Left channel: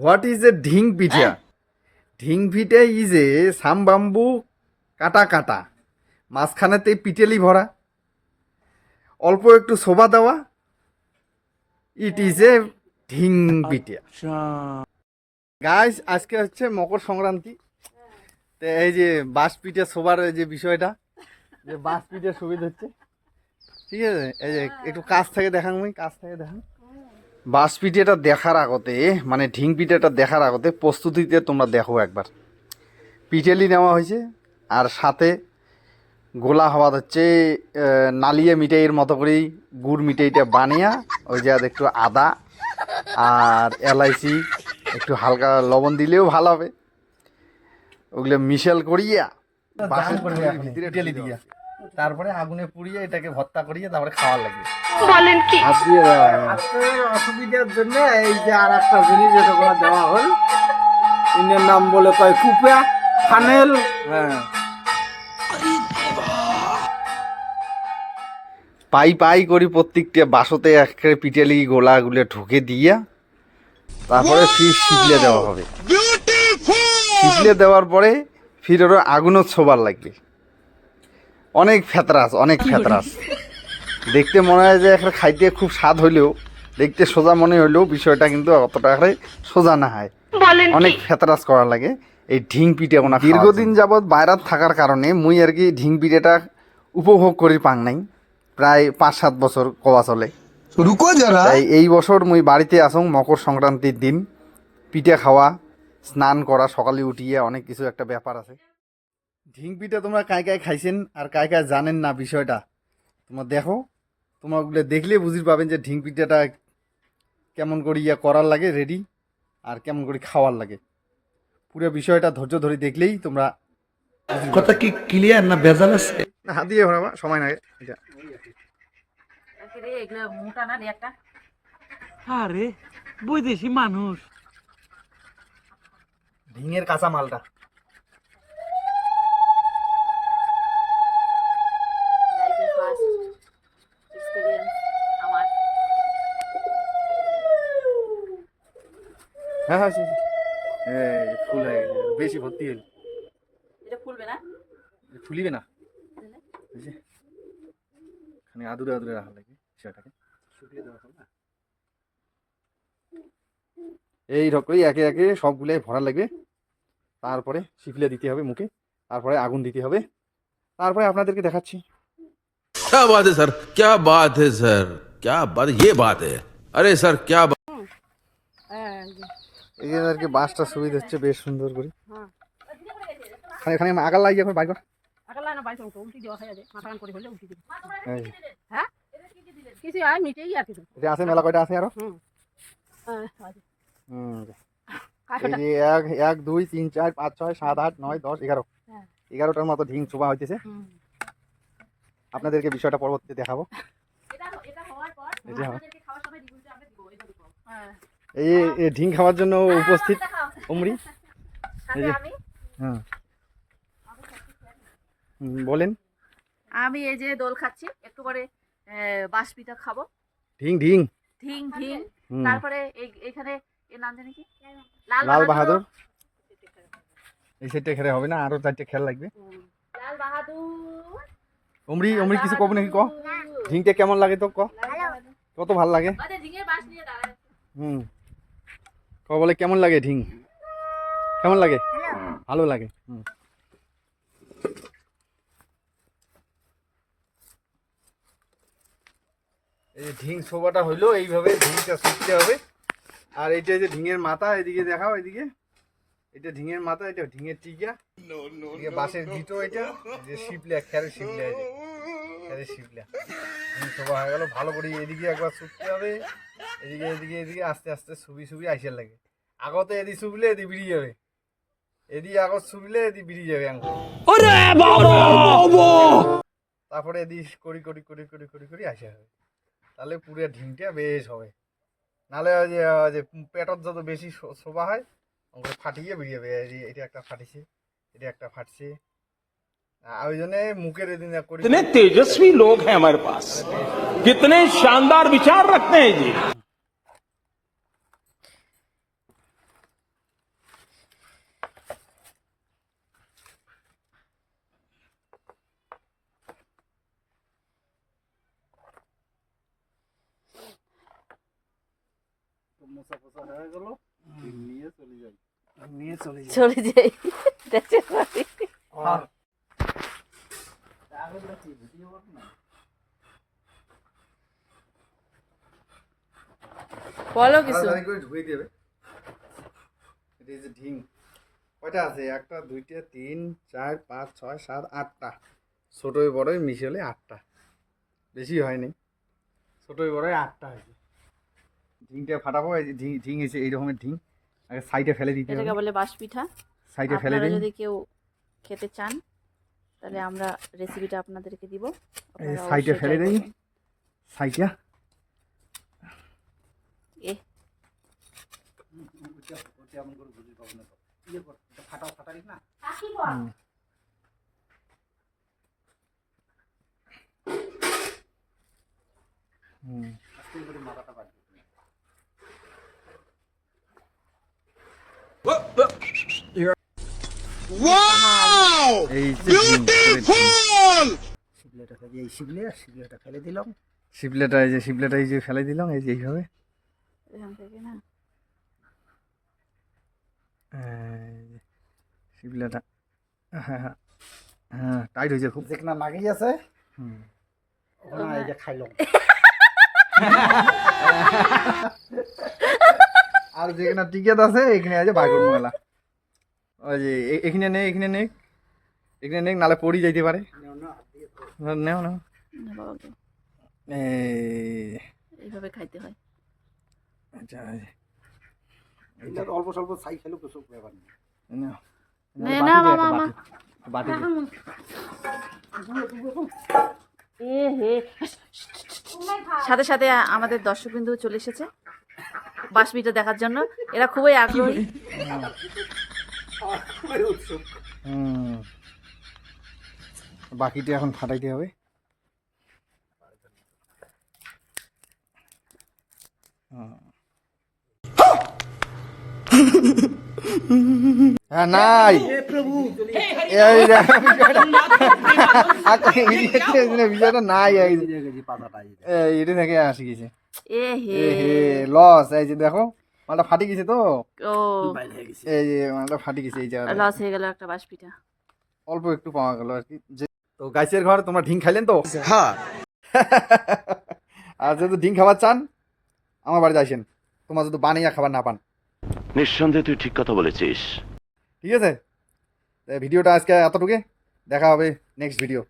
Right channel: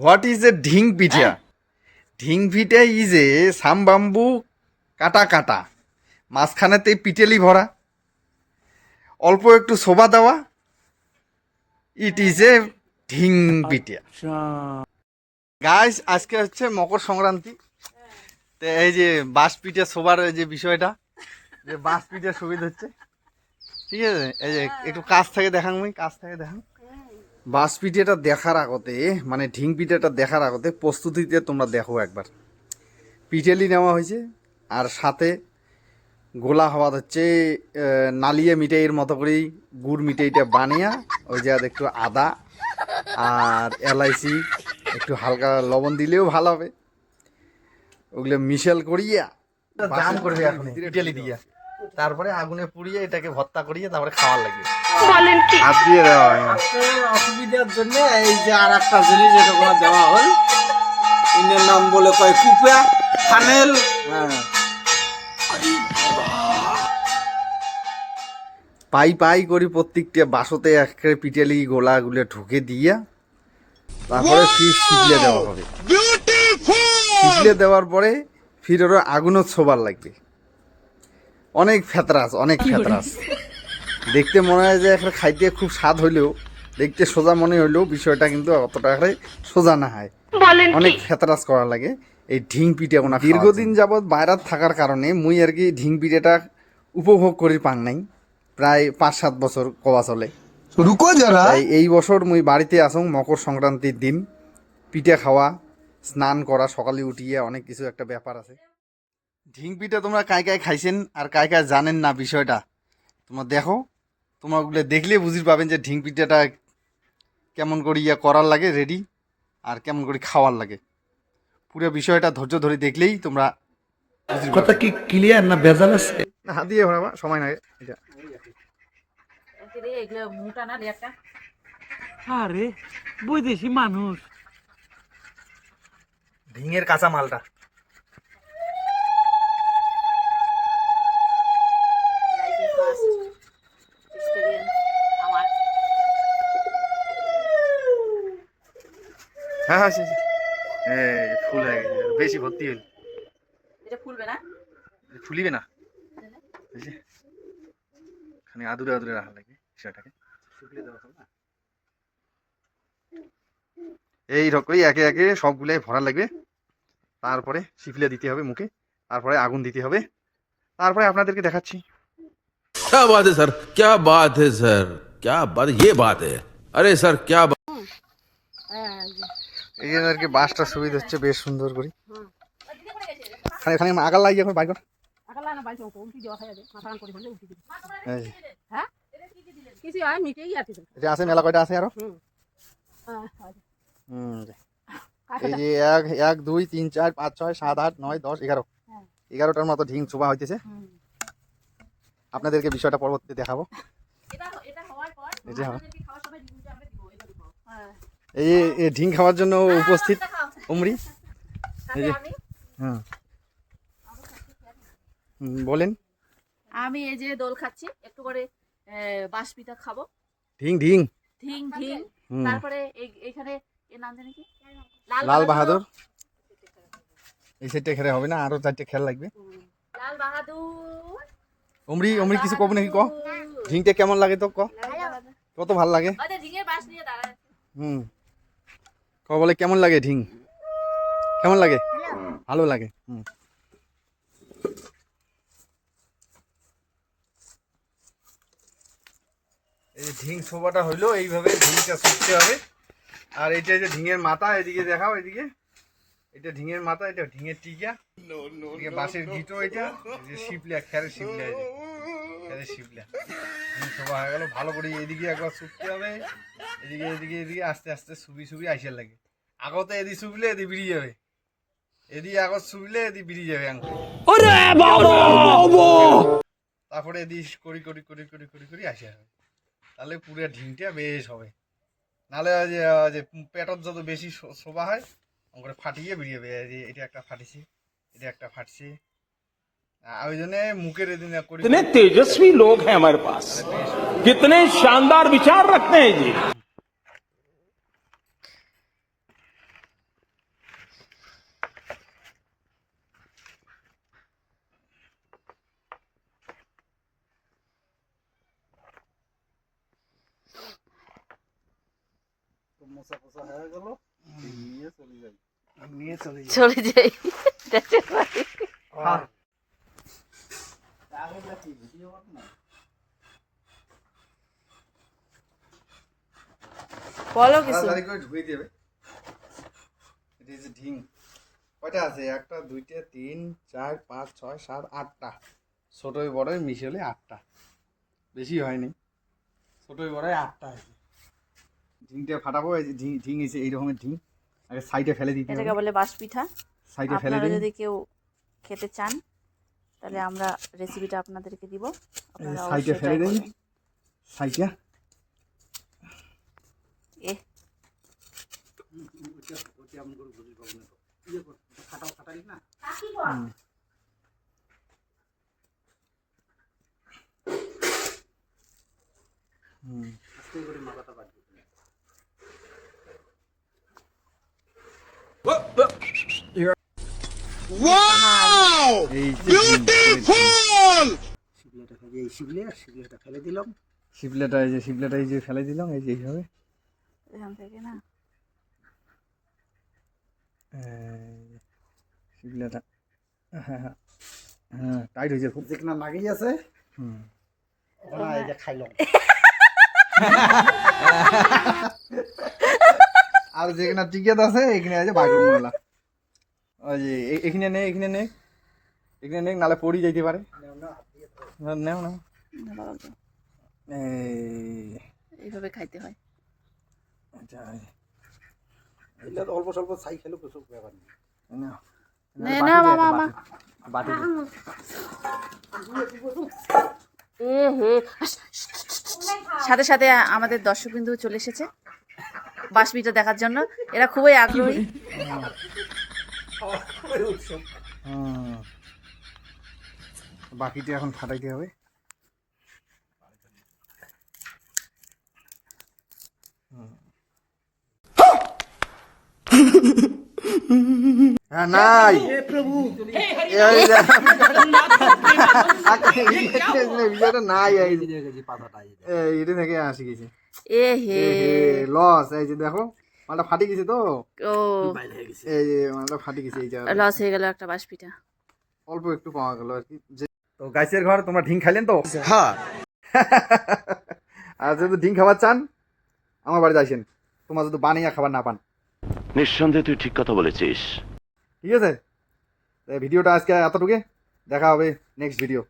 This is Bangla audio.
What is a dhing pitha? Dhing pitha is a some bamboo কাটা কাটা, মাঝখানেতে পিটেলি ভরা, অল্প একটু শোভা দেওয়া, it is a dhing pitha. Guys, আজকে হচ্ছে মকর সংক্রান্তি। তো এই যে বাঁশ পিঠে শোবার যে বিষয়টা, যে বাঁশ পিঠে সুবিধা হচ্ছে, ঠিক আছে? এই যে একটু কাছ থেকে দেখান, কাছ থেকে দেখান। বাঁশ পিঠেটা দেখার আগতে, মানে ঢিং পিঠেটা দেখার আগতে প্রস্তুতিতে তোমরা দেখো একবার। পিঠেলি নেওয়া হয়েছে, আর সাথে গোলা হওয়া হচ্ছে নালিয়ে মিঠাইয়ের মতো করেই গুড় মিঠাইটা বানিয়া, ওই যে একটু আদা আর এলাইচি, একটু হালকা লবণ দিলেও ভালো হবে, ওগুলো মিশেল করিয়া জাম করবে এখন পিঠেলি দিয়া, তারপরে আগুনে পুড়িয়ে এটাকে ভর্তা করিয়ে তারপরে খাওয়ার লাগে। বলেন কি হাত দিয়ে দেওয়া হয় অসুবিধার জন্য এই যে আর একটা জিনিস যেটা করে দেওয়া হল, ইনের নাম বলে কয় কুপা ফানেল। হ্যাঁ, পাই পাই করি প্রত্যেকটা বাসতে একেবারে পিঠেলি গোলাগুলো ঢুকে দিয়া তারপরে ফির শিবলে দেওয়া হবে। শিবলে দেওয়ার পরে ফির ওরা আগুনও ছোবার লাগবে। অনেক ফেতরাস, অনেক ফেতরাস। দেখতে মনে হয় যে একটা খাইতে খুব স্বাদ হইলেও, দেখতে সোজা মনে হইলেও বিষয়টা কিন্তু অতটা করে সোজা না হয়, অনেক ফেতরাস করা লাগে এই ঢিং পিঠে। ওনা দীর্ঘদিন যাবৎ বাইরাত থাকার কারণে মুই আর কি ঢিং পিঠেটা উপভোগ করি পাং নাই, প্রায় 5-7 বছর কওয়া চলে। তাই এই বছর মুই বাড়িতে আসং মকর সংক্রান্তির দিন, পিঠে খাওয়া, স্নান করা, সকালে উঠিয়ে অনেক কিছু একটা ব্যাপার আছে। ঢিং পিঠা তোমরা কায় কায় খাইছেন আর কায় কায় জানেন না বিষয়টা, তোমরা দেখো। তোমরা ওগুলো দেখলে বুঝতে পাবেন যে ঢিং পিঠাটা কেমন করে করার লাগে রেডি, আর কেমন করে খাওয়ার লাগে। পুরো বিষয়টা ধৈর্য ধরে দেখলেই তোমরা কথা কি ক্লিয়ার না ভেজাল আছে? না, হাত দিয়ে ভরাবা, সময় লাগে এটা। আরে বৈদেশি মানুষ, ঢিঙের কাঁচা মালটা হ্যাঁ হ্যাঁ, ফুল হয়ে গেছে, বেশি ভর্তি হইল। এটা ফুলবে না, ফুলিবে না, খানি আদুরে আদুরে রাখা লাগে সেটাকে। এই রকমই একে একে সবগুলাই ভরা লাগবে, তারপরে শিফলে দিতে হবে মুখে, তারপরে আগুন দিতে হবে, তারপরে আপনাদেরকে দেখাচ্ছি। क्या बात है सर, क्या बात है सर, क्या बात, ये बात है। अरे सर क्या बात। এই আর কি বাসটা সুবিধা হচ্ছে বেশ সুন্দর করে। খালি খালি আগাল লাগিয়ে এখন বাইর কর। এটা আছে মেলা কয়টা আছে আরো। এই যে 1 2 3 4 5 6 7 8 9 10 11, 11টার মতো ঢিং ছোবা হইতেছে। আপনাদেরকে বিষয়টা পরবর্তীতে দেখাবো। এই ঢিং খাওয়ার জন্য উপস্থিত উমরি। হ্যাঁ, বলেন। আমি এই যে দোল খাচ্ছি, একটু করে বাঁশ পিঠা খাবো। ঢিং ঢিং ঢিং ঢিং, তারপরে এখানে এর নাম জানি কি, লাল বাহাদুর। এই সেটটা খেলে হবে না, আরো 4টে খেল লাগবে। লাল বাহাদুর। উমরি উমরি কিছু কব নাকি? ক ঢিংটা কেমন লাগে তো, ক কত ভালো লাগে? ঢিঙের বাঁশ নিয়ে দাঁড়ায়। ক বলে কেমন লাগে ঢিং, কেমন লাগে? ভালো লাগে। এই ঢিং ছোবাটা হইলো এইভাবে ঢিংটা ছুটতে হবে। আর এইটা যে ঢিঙের মাথা, এদিকে দেখাও, এদিকে এটা ঢিঙের মাথা, এটা ঢিঙের টিকা, এদিকে বাঁশের গিটো, এটা যে শিপলা, খেরের শিপলা, খেরের শিপলা ঢিং ছোবা হয়ে গেল। ভালো করে এদিকে একবার ছুটতে হবে, এদিকে এদিকে এদিকে আস্তে আস্তে সুবি সুবি আইসার লাগে। আগতে এদি সুবলে এদি বেরিয়ে যাবে, এদি আগত সুবলে এদি বেরিয়ে যাবে। তারপরে এদি করি করি করি করি করি করি আসে হবে, তাহলে পুরো ঢিংটা বেশ হবে। নাহলে যে পেটত যত বেশি শোভা হয় ওকে ফাটিয়ে বেরিয়ে যাবে। এটা একটা ফাটিছে, এটা একটা ফাটছে, ওই জন্য মুখের এদিন করি। कितने तेजस्वी लोग हैं हमारे पास, कितने शानदार विचार रखते हैं जी। হয়ে গেল নিয়ে চলে যাই চলে যাই দেখছেন ভাই? বলো কিছু। তাড়াতাড়ি করে ধুয়ে দেবে। এটা হচ্ছে ঢিং। কয়টা আছে? 1টা 2টা 3 4 5 6 7 8টা। ছোটই বড়ই মিশালে 8টা। বেশি হয়নি। ছোটই বড়ই 8টা হয়েছে। ঢিংটা ফাটাবো। এই যে ঢিং এসে এই রকমের ঢিং। আগে সাইডে ফেলে দিতে এটাকে হবে। বলে বাঁশ পিঠা। সাইডে ফেলে আপনারা দিন। যদি কেউ খেতে চান তাহলে আমরা রেসিপিটা আপনাদেরকে দিব, আপনারা সাইডে অবশ্যই ফেলে ট্রাই দিন। করবেন। সাইডে এ এই শিবলেটা ফেলে দিলাম। শিবলেটা এই যে ফেলে দিলাম এই যে এইভাবে। এখান থেকে না শিবলেটা হ্যাঁ হ্যাঁ হ্যাঁ টাইট হয়েছে খুব। যেখানে লাগেই আছে হুম ওখানে এই যে খাইলাম। আর যেখানে টিকেট আছে এখানে আছে বাগুন মেলা। ওই যে এখানে নেই এখানে নেই নালে পড়ি যাইতে পারে। নেও নেও না বাবা গো, এইভাবে খাইতে হয়। অল্প স্বল্প ছাই খেলেও কিছু ব্যাপার নেই। নে না মামা মা বাটি এ হে সাথে সাথে আমাদের দর্শকবিন্দু চলে এসেছে বাঁশ পিঠা দেখার জন্য। এরা খুবই আগ্রহী। বাকিটা এখন ফাটাইতে হবে। হ্যাঁ নাই প্রভু বিষয়টা নাই এটা থেকে আসি গেছে। এ হে লস এই যে দেখো মালটা ফাটি গেছে তো। ও এই যে মালটা ফাটি গেছে এই যে লস হয়ে গেল একটা বাঁশ পিঠা। অল্প একটু পাওয়া গেল আর কি। তো গাছের ঘর তোমরা ঢিং খাইলেন তো? हाँ আর যদি ঢিং খাবার চান আমার বাড়িতে আসেন, তোমার যদি বানিয়ে খাবার না পান। নিঃসন্দেহে তুই ঠিক কথা বলেছিস। ঠিক আছে, ভিডিওটা আজকে এতটুকু, দেখা হবে নেক্সট ভিডিও।